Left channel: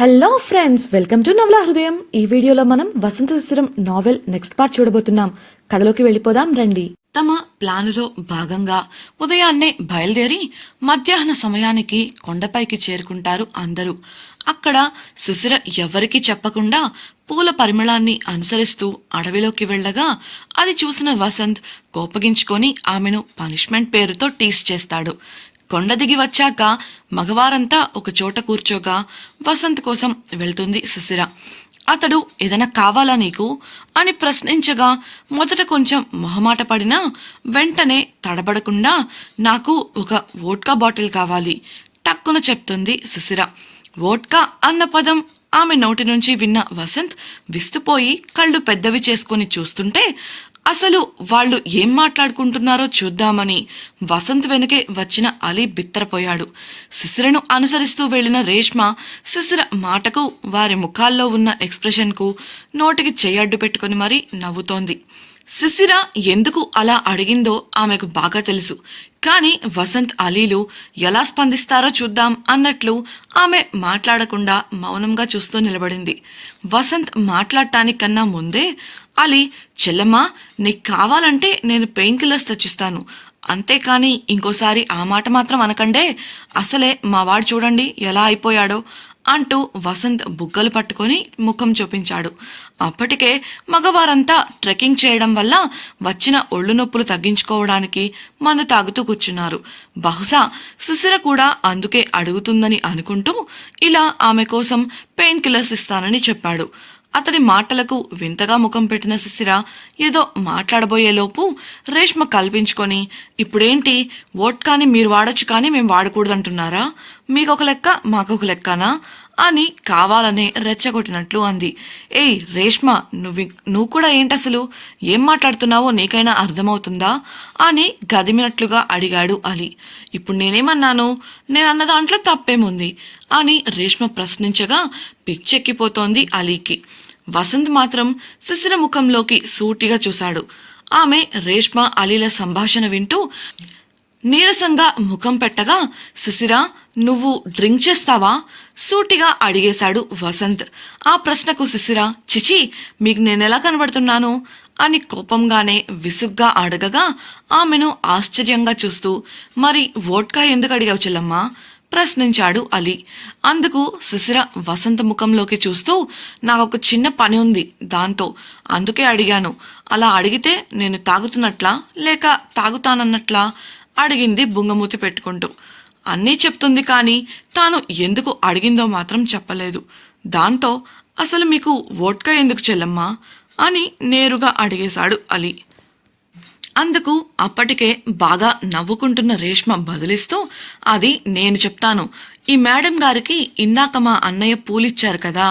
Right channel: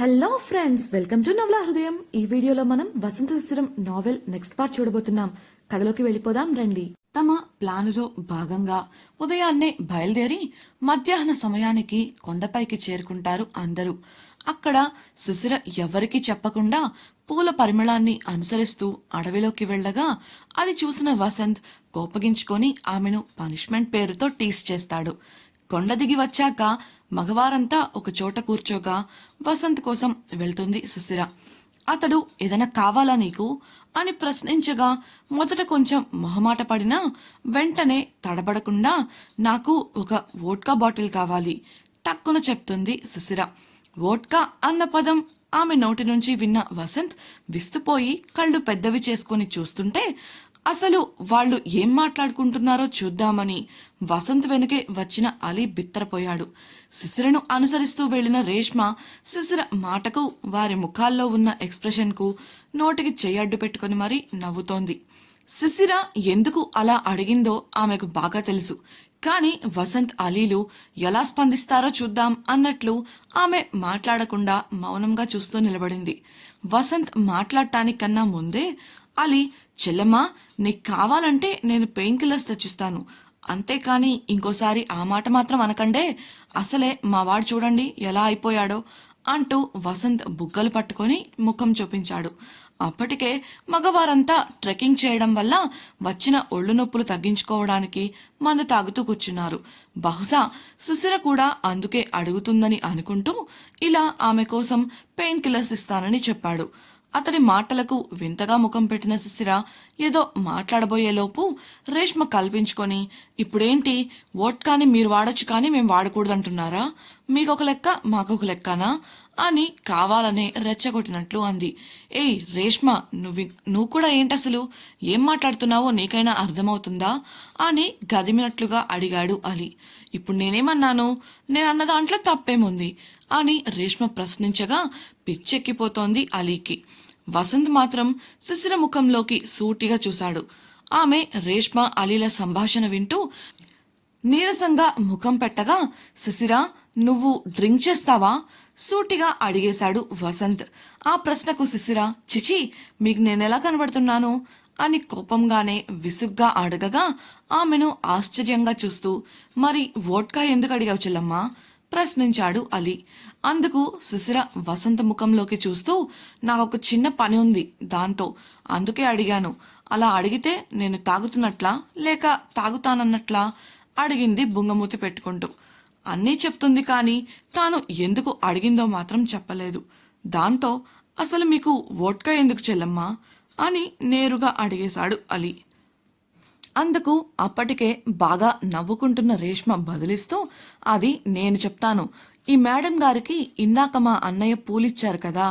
Hello friends, welcome to నవలా హృదయం. ఈ వీడియోలో మనం వసంత శిశిరం నావెల్ నెక్స్ట్ పార్ట్ చూడబోతున్నాం. కథలోకి వెళ్ళిపోదాం రండి. తమ ప్లానులో భాగంగా ఉదయాన్నే బయలుదేరి మధ్యాహ్న సమయానికి కొండపైకి చేరుకుంటారు అందరూ. అక్కడ శిశిర ఎవరికీ చెప్పకుండా పూల పరిమళాన్ని అనుసరిస్తూ అడవిలోకి వెళ్ళగా అది చూసిన వసంత్ కోపగించుకొని ఆమెను పనిష్మెంట్ పేరుతో టీస్ చేస్తాడు. కొండ దిగి వచ్చాక మగవారంతా ఒక చోట కూర్చోగా వసంత్ కోసం వెళ్తుంది శిశిర. అతడు ఏదైనా కావాలా నీకు అని ప్రశ్నించగా మొదట కొంచెం మొహమాట పడినా వెంటనే తడబడకుండా నాకు ఒక వోడ్కా బాటిల్ కావాలి టక్కున చెప్తుంది శిశిర. వోడ్కా అన్న పదం ఆమె నోటి నుంచి విన్న వసంత్ విస్తుపోయి కళ్ళు పెద్దవి చేసుకుని చూస్తుంటే అసలు వాళ్ళు ఏం మాట్లాడుకుంటున్నారో చూద్దామని వసంత్ వెనుకే వచ్చిన అలీ బిత్తరపోయాడు. శిశిరను అనుసరిస్తూ వెళ్లిన రేష్మ శిశిర మాటకు వారి ముఖాల్లో ఉన్న ఎక్స్ప్రెషన్కు నోటికి చెయ్యడ్డు పెట్టుకుని మరీ నవ్వుతోంది. శిశిర ఎందుకు అలా అడిగిందో ఆమెకు బాగా తెలుసు. కానీ వసంత్ అలీలు ఎలా స్పందిస్తారో చూద్దాం అన్నట్లు ఆమె మాట్లాడకుండా మౌనంగా చూస్తూ నిలబడింది. వసంత్ మాట్లాడటానికన్నా ముందే అలీ, చెల్లమ్మా, నీకు కావాలంటే నేను పెయిన్ కిల్లర్స్ తెచ్చిస్తాను, అంతేకాని ఇంకోసారి ఆ మాట మాత్రం అనకండే, అసలే మా వాడు చూడండి ఎలా అయిపోయాడో అంటూ వసంత్ బుగ్గలు పట్టుకొని ముఖం చూపించాడు. అప్పటికే మగవారంతా ట్రెక్కింగ్ చేయడం వల్ల వచ్చిన ఒళ్ళు నొప్పులు తగ్గించుకోవడానికి మందు తాగుతూ కూర్చున్నారు. బహుశా శిశిర కూడా అందుకే అడుగుతుందని అనుకుంటూ ఇలా ఆమె కోసం పెయిన్ కిల్లర్స్ ఇస్తానని చెప్పాడు. అతడి మాటలకు వింతగా ముఖం పెట్టిన శిశిర ఏదో మాట్లాడబోయేలోపు రేష్మ కల్పించుకొని, ఇప్పుడేంటి వోడ్కాని మీరు వాడొచ్చు కానీ మేము వాడకూడదంటున్నారా? మీకొక లెక్క మాకొక లెక్కనా అని కావాలనే రెచ్చగొట్టినట్లు అంది. ఏయ్ రేష్మ, నువ్వు కూడా ఏంటసలు ఏం మాట్లాడుతున్నావో నీకైనా అర్థమవుతుందా అని గదిమినట్లుగా అడిగాడు అలీ. ఇప్పుడు నేనేమన్నాను? నేనన్న దాంట్లో తప్పేముంది అని రేష్మ ప్రశ్నించగా పిచ్చెక్కిపోతోంది అలీకి. వసంత్ మాత్రం శిశిర ముఖంలోకి సూటిగా చూశాడు. ఆమె రేష్మ అలీల సంభాషణ వింటూ నీరసంగా ముఖం పెట్టగా, శిశిర, నువ్వు డ్రింక్ చేస్తావా సూటిగా అడిగేశాడు వసంత్. ఆ ప్రశ్నకు శిశిర, చిచి, మీకు నేనెలా కనబడుతున్నాను అని కోపంగానే విసుగ్గా అడగగా ఆమెను ఆశ్చర్యంగా చూస్తూ, మరి వోడ్కా ఎందుకు అడిగావు చెల్లమ్మా ప్రశ్నించాడు అలీ. అందుకు శిశిర వసంత ముఖంలోకి చూస్తూ, నాకొక చిన్న పని ఉంది దాంతో, అందుకే అడిగాను. అలా అడిగితే నేను తాగుతున్నట్లా లేక తాగుతానన్నట్లా అడిగింది బుంగమూతి పెట్టుకుంటూ. అన్నీ చెప్తుంది కానీ తాను ఎందుకు అడిగిందో మాత్రం చెప్పలేదు. దాంతో అసలు మీకు వోడ్కా ఎందుకు చెల్లమ్మా అని నేరుగా అడిగేశాడు అలీ. అందుకు అప్పటికే బాగా నవ్వుకుంటున్న రేష్మ బదులిస్తూ, అది నేను చెప్తాను. ఈ మేడం గారికి ఇందాక మా అన్నయ్య పూలిచ్చారు కదా,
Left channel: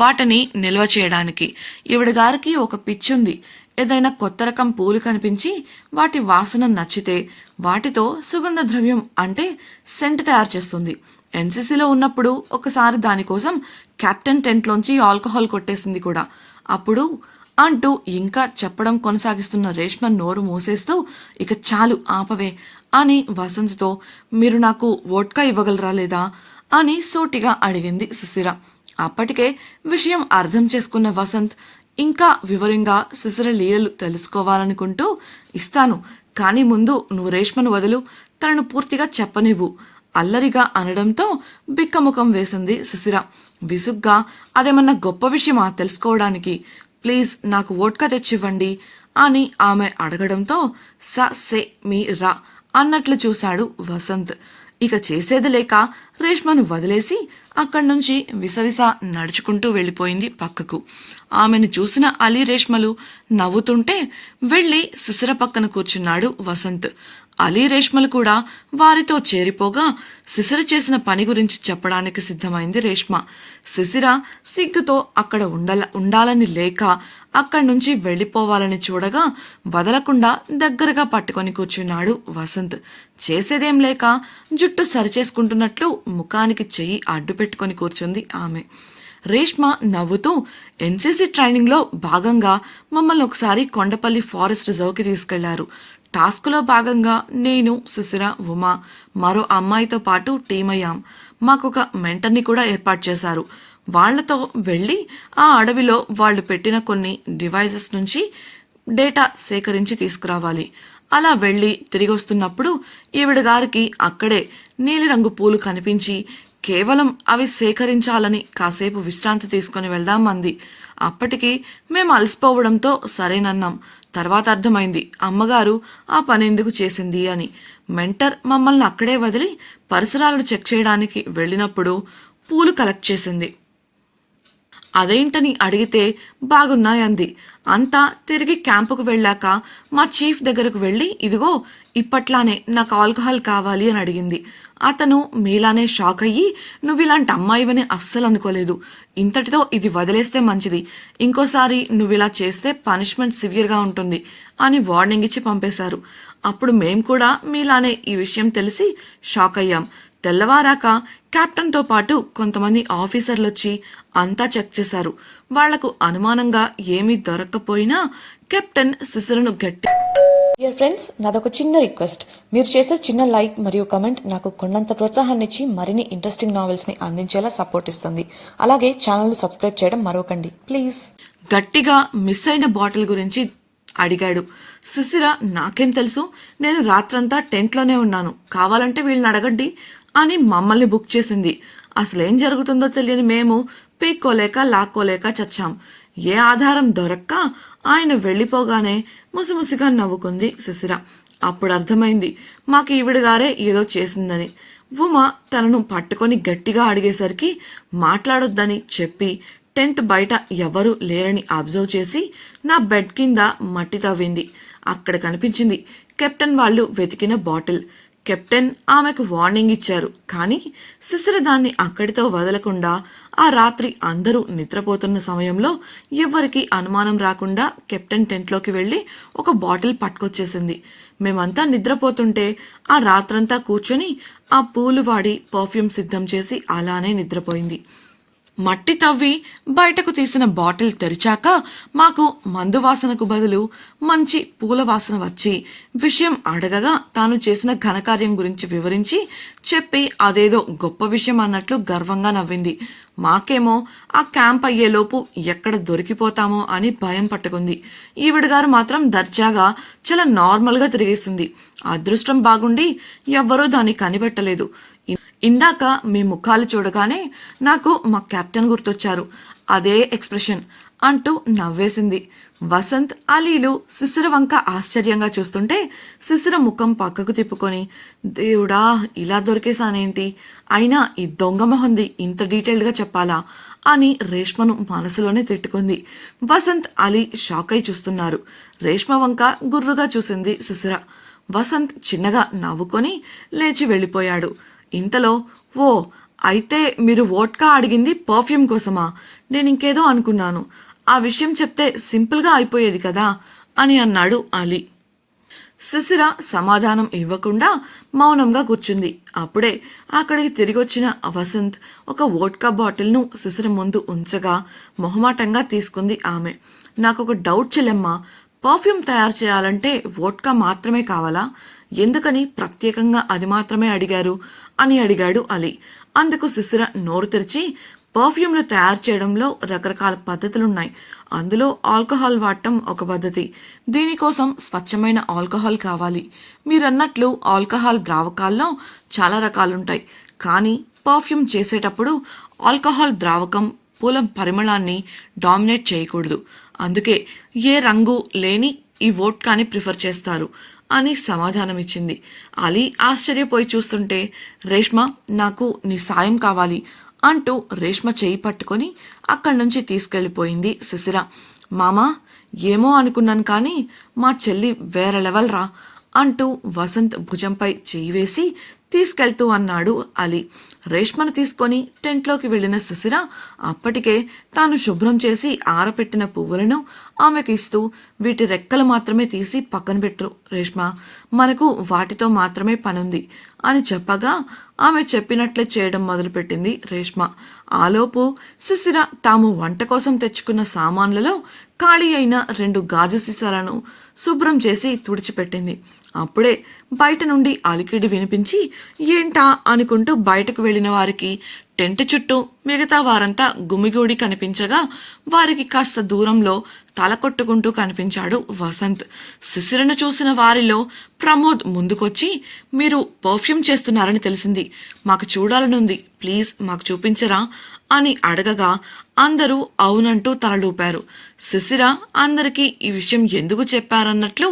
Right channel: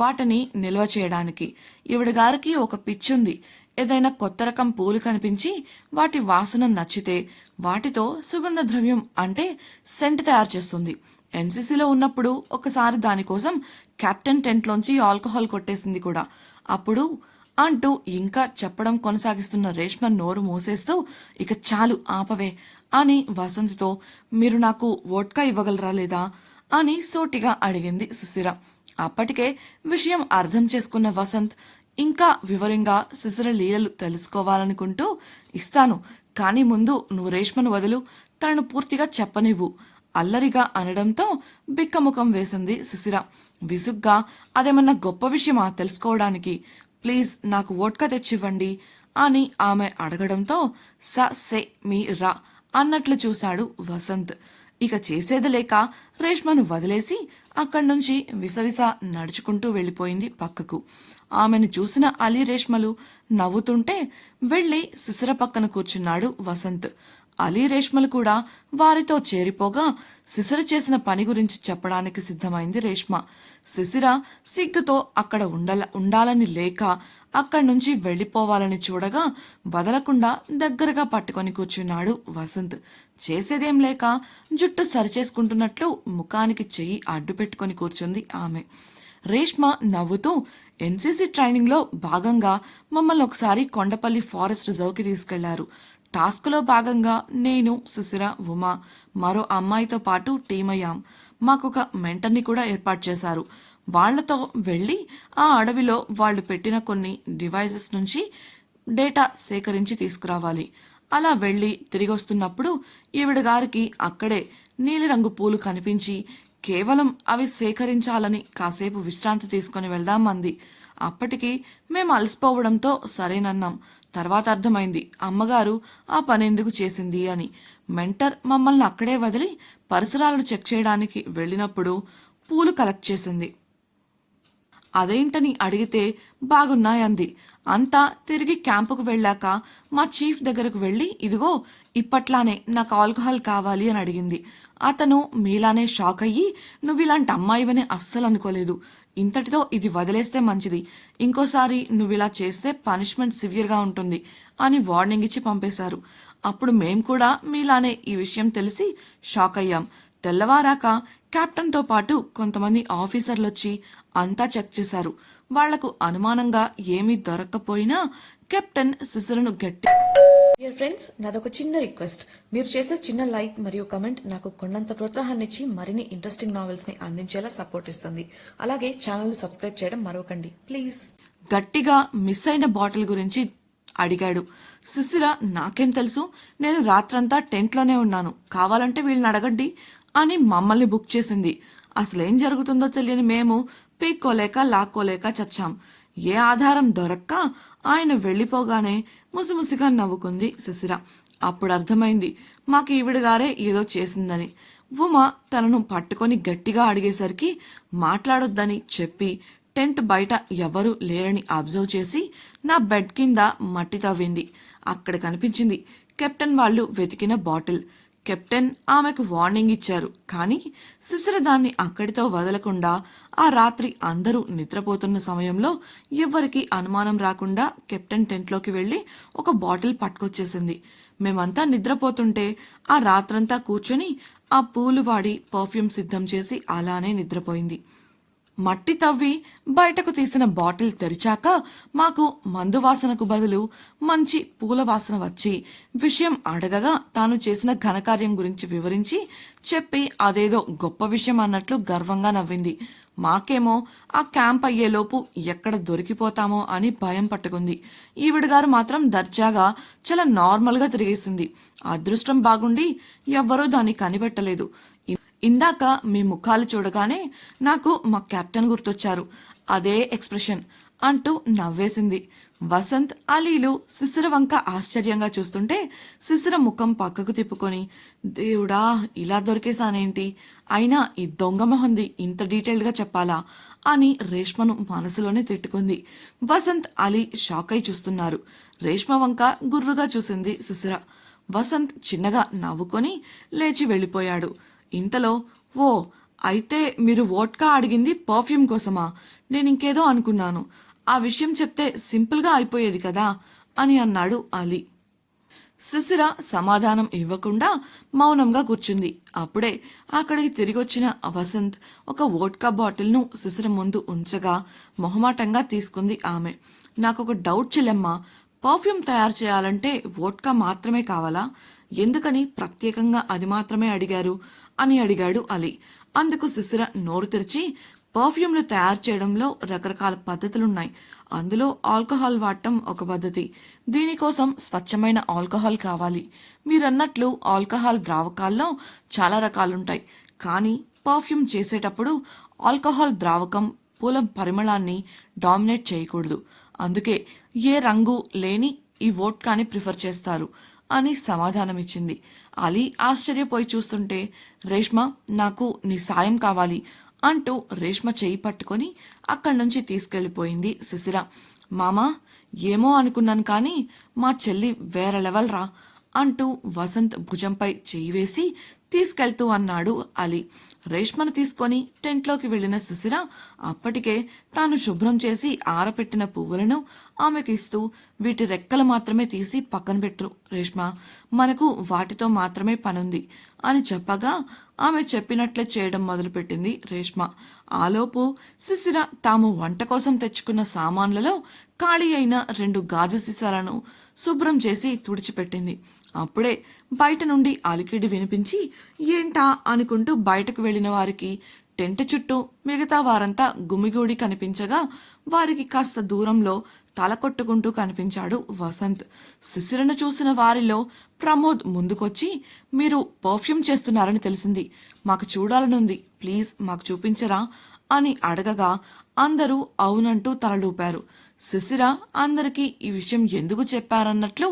వాటిని నిల్వ చేయడానికి. ఈవిడ గారికి ఒక పిచ్చుంది. ఏదైనా కొత్త రకం పూలు కనిపించి వాటి వాసన నచ్చితే వాటితో సుగంధ ద్రవ్యం అంటే సెంట్ తయారు చేస్తుంది. ఎన్సీసీలో ఉన్నప్పుడు ఒకసారి దానికోసం కెప్టెన్ టెంట్లోంచి ఆల్కహాల్ కొట్టేసింది కూడా. అప్పుడు అంటూ ఇంకా చెప్పడం కొనసాగిస్తున్న రేష్మ నోరు మూసేస్తూ, ఇక చాలు ఆపవే అని వసంత్తో, మీరు నాకు వోడ్కా ఇవ్వగలరా లేదా అని సూటిగా అడిగింది శిశిర. అప్పటికే విషయం అర్థం చేసుకున్న వసంత్ ఇంకా వివరంగా శిశిర లీలలు తెలుసుకోవాలనుకుంటూ, ఇస్తాను, కానీ ముందు నువ్వు రేష్మను వదులు, తనను పూర్తిగా చెప్పనివ్వు అల్లరిగా అనడంతో బిక్కముఖం వేసింది శిశిర. విసుగ్గా, అదేమన్నా గొప్ప విషయమా తెలుసుకోవడానికి? ప్లీజ్ నాకు వోడ్కా తెచ్చివ్వండి అని ఆమె అడగడంతో సే మీ రా అన్నట్లు చూశాడు వసంత్. ఇక చేసేది లేక రేష్మను వదిలేసి అక్కడి నుంచి విసవిస నడుచుకుంటూ వెళ్ళిపోయింది పక్కకు. ఆమెను చూసిన అలీ రేష్మలు నవ్వుతుంటే వెళ్ళి శిశిర పక్కన కూర్చున్నాడు వసంత్. అలీ రేష్మలు కూడా వారితో చేరిపోగా శిశిర చేసిన పని గురించి చెప్పడానికి సిద్ధమైంది రేష్మ. శిశిర సిగ్గుతో అక్కడ ఉండాలని లేక అక్కడి నుంచి వెళ్ళిపోవాలని చూడగా వదలకుండా దగ్గరగా పట్టుకొని కూర్చున్నాడు వసంత్. చేసేదేం లేక జుట్టు సరిచేసుకుంటున్నట్లు ముఖానికి చెయ్యి అడ్డు పెట్టుకొని కూర్చుంది ఆమె. రేష్మ నవ్వుతూ, ఎన్సీసీ ట్రైనింగ్లో భాగంగా మమ్మల్ని ఒకసారి కొండపల్లి ఫారెస్ట్ రిజర్వ్కి తీసుకెళ్లారు. టాస్క్లో భాగంగా నేను, శిశిర, ఉమా, మరో అమ్మాయితో పాటు టీం అయ్యాం. మాకొక మెంటర్ని కూడా ఏర్పాటు చేశారు. వాళ్లతో వెళ్ళి ఆ అడవిలో వాళ్ళు పెట్టిన కొన్ని డివైజెస్ నుంచి డేటా సేకరించి తీసుకురావాలి. అలా వెళ్ళి తిరిగి వస్తున్నప్పుడు ఈవిడ గారికి అక్కడే నీలిరంగు పూలు కనిపించి కేవలం అవి సేకరించాలని కాసేపు విశ్రాంతి తీసుకొని వెళ్దాం అంది. అప్పటికి మేము అలసిపోవడంతో సరేనన్నాం. తర్వాత అర్థమైంది అమ్మగారు ఆ పని ఎందుకు చేసింది అని. మెంటర్ మమ్మల్ని అక్కడే వదిలి పరిసరాలను చెక్ చేయడానికి వెళ్ళినప్పుడు పూలు కలెక్ట్ చేసింది. అదేంటని అడిగితే బాగున్నాయంది. అంతా తిరిగి క్యాంపుకు వెళ్ళాక మా చీఫ్ దగ్గరకు వెళ్ళి ఇదిగో ఇప్పట్లానే నాకు ఆల్కహాల్ కావాలి అని అడిగింది. అతను మీలానే షాక్ అయ్యి నువ్వు ఇలాంటి అమ్మాయివని అస్సలు అనుకోలేదు, ఇంతటితో ఇది వదిలేస్తే మంచిది, ఇంకోసారి నువ్వు ఇలా చేస్తే పనిష్మెంట్ సివియర్గా ఉంటుంది అని వార్నింగ్ ఇచ్చి పంపేశారు. అప్పుడు మేం కూడా మీలానే ఈ విషయం తెలిసి షాక్ అయ్యాం. తెల్లవారాక కెప్టెన్తో పాటు కొంతమంది ఆఫీసర్లు వచ్చి అంతా చెక్ చేశారు. వాళ్లకు అనుమానంగా ఏమీ దొరక్కపోయినా కెప్టెన్ శిశిరను గట్టి. డియర్ ఫ్రెండ్స్, నాదొక చిన్న రిక్వెస్ట్. మీరు చేసే చిన్న లైక్ మరియు కమెంట్ నాకు కొండంత ప్రోత్సాహాన్ని ఇచ్చి మరిన్ని ఇంట్రెస్టింగ్ నావెల్స్ ని అందించేలా సపోర్ట్ ఇస్తుంది. అలాగే ఛానల్ సబ్స్క్రైబ్ చేయడం మరవకండి ప్లీజ్. గట్టిగా మిస్ అయిన బాటిల్ గురించి అడిగాడు. శిశిర నాకేం తెలుసు, నేను రాత్రంతా టెంట్లోనే ఉన్నాను, కావాలంటే వీళ్ళని అడగండి అని మమ్మల్ని బుక్ చేసింది. అసలేం జరుగుతుందో తెలియని మేము పీక్కోలేక లాక్కోలేక చచ్చాం. ఏ ఆధారం దొరక్క ఆయన వెళ్ళిపోగానే ముసిముసిగా నవ్వుకుంది శిశిర. అప్పుడు అర్థమైంది మాకు ఈవిడ గారే ఏదో చేసిందని. ఉమ తనను పట్టుకొని గట్టిగా అడిగేసరికి మాట్లాడొద్దని చెప్పి టెంట్ బయట ఎవరూ లేరని అబ్జర్వ్ చేసి నా బెడ్ కింద మట్టి తవ్వింది. అక్కడ కనిపించింది కెప్టెన్ వాళ్ళు వెతికిన బాటిల్. కెప్టెన్ ఆమెకు వార్నింగ్ ఇచ్చారు, కానీ శిశిర దాన్ని అక్కడితో వదలకుండా ఆ రాత్రి అందరూ నిద్రపోతున్న సమయంలో ఎవ్వరికీ అనుమానం రాకుండా కెప్టెన్ టెంట్లోకి వెళ్ళి ఒక బాటిల్ పట్టుకొచ్చేసింది. మేమంతా నిద్రపోతుంటే ఆ రాత్రంతా కూర్చొని ఆ పూలు వాడి పర్ఫ్యూమ్ సిద్ధం చేసి అలానే నిద్రపోయింది. మట్టి తవ్వి బయటకు తీసిన బాటిల్ తెరిచాక మాకు మందు వాసనకు బదులు మంచి పూల వాసన వచ్చి విషయం అడగగా తాను చేసిన ఘనకార్యం గురించి వివరించి చెప్పి అదేదో గొప్ప విషయం అన్నట్లు గర్వంగా నవ్వింది. మాకేమో ఆ క్యాంప్ అయ్యేలోపు ఎక్కడ దొరికిపోతామో అని భయం పట్టుకుంది. ఈవిడ గారు మాత్రం దర్జాగా చాలా నార్మల్గా తిరిగేసింది. అదృష్టం బాగుండి ఎవ్వరూ దాన్ని కనిపెట్టలేదు. ఇందాక మీ ముఖాలు చూడగానే నాకు మా కెప్టెన్ గుర్తొచ్చారు, అదే ఎక్స్ప్రెషన్ అంటూ నవ్వేసింది. వసంత్, అలీలు శిశిర వంక ఆశ్చర్యంగా చూస్తుంటే శిశిర ముఖం పక్కకు తిప్పుకొని దేవుడా ఇలా దొరికేసానేంటి, అయినా ఈ దొంగ మొహంది ఇంత డీటెయిల్డ్గా చెప్పాలా అని రేష్మను మనసులోనే తిట్టుకుంది. వసంత్, అలీ షాక్ అయి చూస్తున్నారు. రేష్మ వంక గుర్రుగా చూసింది శిశిర. వసంత్ చిన్నగా నవ్వుకొని లేచి వెళ్ళిపోయాడు. ఇంతలో ఓ అయితే మీరు వోడ్కా అడిగింది పర్ఫ్యూమ్ కోసమా, నేను ఇంకేదో అనుకున్నాను, ఆ విషయం చెప్తే సింపుల్గా అయిపోయేది కదా అని అన్నాడు అలీ. శిశిర సమాధానం ఇవ్వకుండా మౌనంగా కూర్చుంది. అప్పుడే అక్కడికి తిరిగొచ్చిన వసంత్ ఒక వోడ్కా బాటిల్ను శిశిర ముందు ఉంచగా మొహమాటంగా తీసుకుంది ఆమె. నాకొక డౌట్ చెల్లెమ్మా, పర్ఫ్యూమ్ తయారు చేయాలంటే వోడ్కా మాత్రమే కావాలా, ఎందుకని ప్రత్యేకంగా అది మాత్రమే అడిగారు అని అడిగాడు అలీ. అందుకు శిశిర నోరు తెరిచి పర్ఫ్యూమ్లు తయారు చేయడంలో రకరకాల పద్ధతులున్నాయి, అందులో ఆల్కహాల్ వాడటం ఒక పద్ధతి, దీనికోసం స్వచ్ఛమైన ఆల్కహాల్ కావాలి. మీరన్నట్లు ఆల్కహాల్ ద్రావకాల్లో చాలా రకాలుంటాయి, కానీ పర్ఫ్యూమ్ చేసేటప్పుడు ఆల్కహాల్ ద్రావకం పూల పరిమళాన్ని డామినేట్ చేయకూడదు, అందుకే ఏ రంగు లేని ఈ వోడ్కాని ప్రిఫర్ చేస్తారు అని సమాధానమిచ్చింది. అలీ ఆశ్చర్యపోయి చూస్తుంటే రేష్మ నాకు నీ సాయం కావాలి అంటూ రేష్మ చేయి పట్టుకొని అక్కడి నుంచి తీసుకెళ్లిపోయింది శిశిర. మామా ఏమో అనుకున్నాను కానీ మా చెల్లి వేరే లెవెల్ రా అంటూ వసంత్ భుజంపై చేయి వేసి తీసుకెళ్తూ అన్నాడు అలీ. రేష్మను తీసుకొని టెంట్లోకి వెళ్లిన శిశిర అప్పటికే తాను శుభ్రం చేసి ఆరపెట్టిన పువ్వులను ఆమెకు ఇస్తూ వీటి రెక్కలు మాత్రమే తీసి పక్కన పెట్టు రేష్మ, మనకు వాటితో మాత్రమే పనుంది అని చెప్పగా ఆమె చెప్పినట్లే చేయడం మొదలుపెట్టింది రేష్మ. ఆలోపు శిశిర తాము వంట కోసం తెచ్చుకున్న సామాన్లలో ఖాళీ అయిన 2 గాజు సీసాలను శుభ్రం చేసి తుడిచిపెట్టింది. అప్పుడే బయట నుండి అలికిడి వినిపించి ఏంటా అనుకుంటూ బయటకు వెళ్లిన వారికి టెంట్ చుట్టూ మిగతా వారంతా గుమిగూడి కనిపించగా వారికి కాస్త దూరంలో తల కొట్టుకుంటూ కనిపించాడు వసంత్. శిశిరను చూసిన వారిలో ప్రమోద్ ముందుకొచ్చి, మీరు పర్ఫ్యూమ్ చేస్తున్నారని తెలిసింది, మాకు చూడాలనుంది, ప్లీజ్ మాకు చూపించరా అని అడగగా అందరూ అవునంటూ తలలూపారు. శిశిర అందరికీ ఈ విషయం ఎందుకు చెప్పారన్నట్లు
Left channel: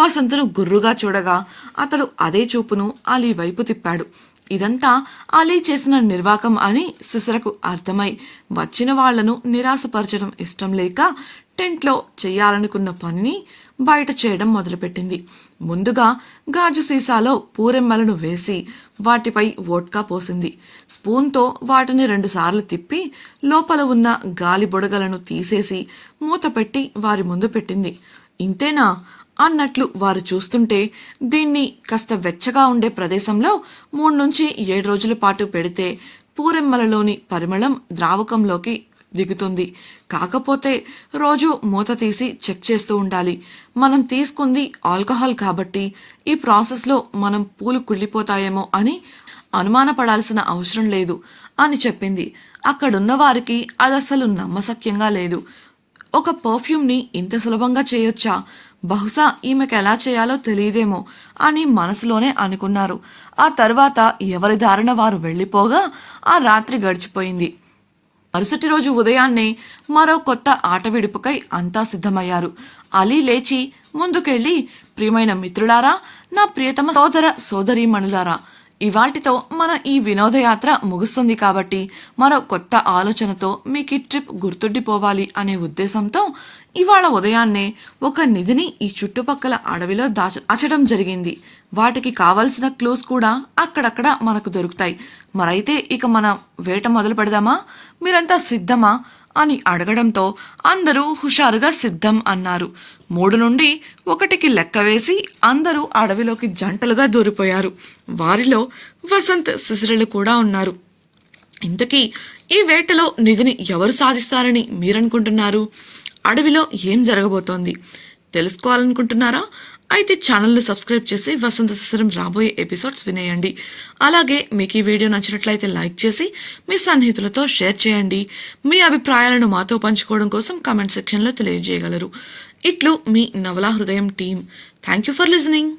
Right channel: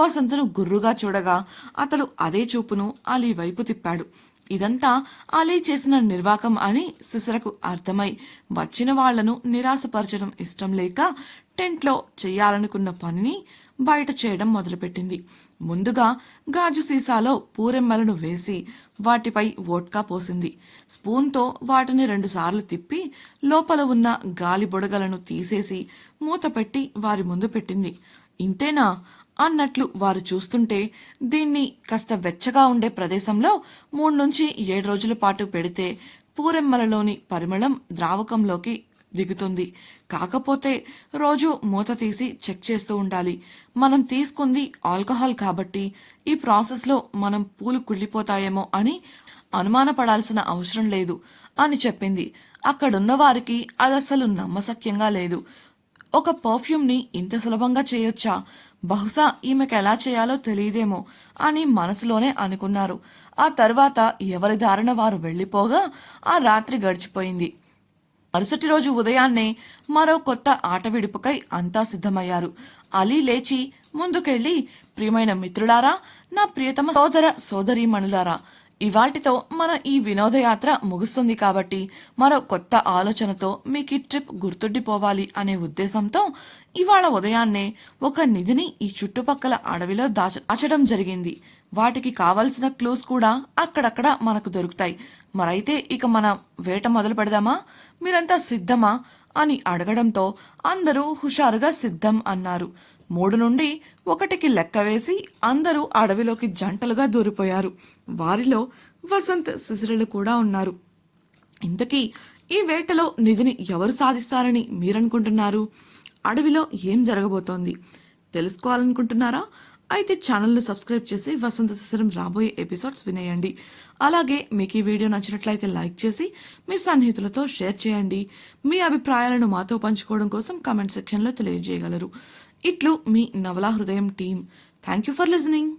వసంతును గుర్రుగా చూడగా అతడు అదే చూపును అలీ వైపు తిప్పాడు. ఇదంతా అలీ చేసిన నిర్వాకం అని శిశిరకు అర్థమై వచ్చిన వాళ్లను నిరాశపరచడం ఇష్టం లేక టెంట్లో చెయ్యాలనుకున్న పనిని బయట చేయడం మొదలుపెట్టింది. ముందుగా గాజు సీసాలో పూరెమ్మలను వేసి వాటిపై వోడ్కా పోసింది. స్పూన్తో వాటిని 2 సార్లు తిప్పి లోపల ఉన్న గాలి బుడగలను తీసేసి మూత పెట్టి వారి ముందు పెట్టింది. ఇంతేనా అన్నట్లు వారు చూస్తుంటే, దీన్ని కాస్త వెచ్చగా ఉండే ప్రదేశంలో 3 నుంచి 7 రోజుల పాటు పెడితే పూరెమ్మలలోని పరిమళం ద్రావకంలోకి దిగుతుంది. కాకపోతే రోజు మూత తీసి చెక్ చేస్తూ ఉండాలి. మనం తీసుకుంది ఆల్కహాల్ కాబట్టి ఈ ప్రాసెస్లో మనం పూలు కుళ్ళిపోతాయేమో అని అనుమానపడాల్సిన అవసరం లేదు అని చెప్పింది. అక్కడున్న వారికి అదసలు నమ్మశక్యంగా లేదు. ఒక పర్ఫ్యూమ్ని ఇంత సులభంగా చేయొచ్చా? బహుశా ఈమెకు ఎలా చేయాలో తెలియదేమో అని మనసులోనే అనుకున్నారు. ఆ తర్వాత ఎవరి దారిన వారు వెళ్ళిపోగా ఆ రాత్రి గడిచిపోయింది. మరుసటి రోజు ఉదయాన్నే మరో కొత్త ఆట విడుపుకై అంతా సిద్ధమయ్యారు. అలీ లేచి ముందుకెళ్ళి, ప్రియమైన మిత్రులారా, నా ప్రియతమ సోదర సోదరీమణులారా, ఇవాటితో మన ఈ వినోదయాత్ర ముగుస్తుంది కాబట్టి మరో కొత్త ఆలోచనతో మీకు ఈ ట్రిప్ గుర్తుండిపోవాలి అనే ఉద్దేశంతో ఇవాళ ఉదయాన్నే ఒక నిధిని ఈ చుట్టుపక్కల అడవిలో దాచడం జరిగింది. వాటికి కావలసిన క్లూస్ కూడా అక్కడక్కడ మనకు దొరుకుతాయి. మరైతే ఇక మన వేట మొదలు పెడదామా? మీరంతా సిద్ధమా అని అడగడంతో అందరూ హుషారుగా సిద్ధం అన్నారు. 3 నుండి 1కి లెక్క వేసి అందరూ అడవిలోకి జంటలుగా దూరిపోయారు. వారిలో వసంత్, శిశిరలు కూడా ఉన్నారు. ఇంతకీ ఈ వేటలో నిధిని ఎవరు సాధిస్తారని మీరనుకుంటున్నారు? అడవిలో ఏం జరగబోతోంది తెలుసుకోవాలనుకుంటున్నారా? అయితే ఛానల్ను సబ్స్క్రైబ్ చేసి వసంత శిశిరం రాబోయే ఎపిసోడ్స్ వినేయండి. అలాగే మీకు ఈ వీడియో నచ్చినట్లయితే లైక్ చేసి మీ సన్నిహితులతో షేర్ చేయండి. మీ అభిప్రాయాలను మాతో పంచుకోవడం కోసం కామెంట్ సెక్షన్లో తెలియజేయగలరు. ఇట్లు మీ నవలా హృదయం team. Thank you for listening.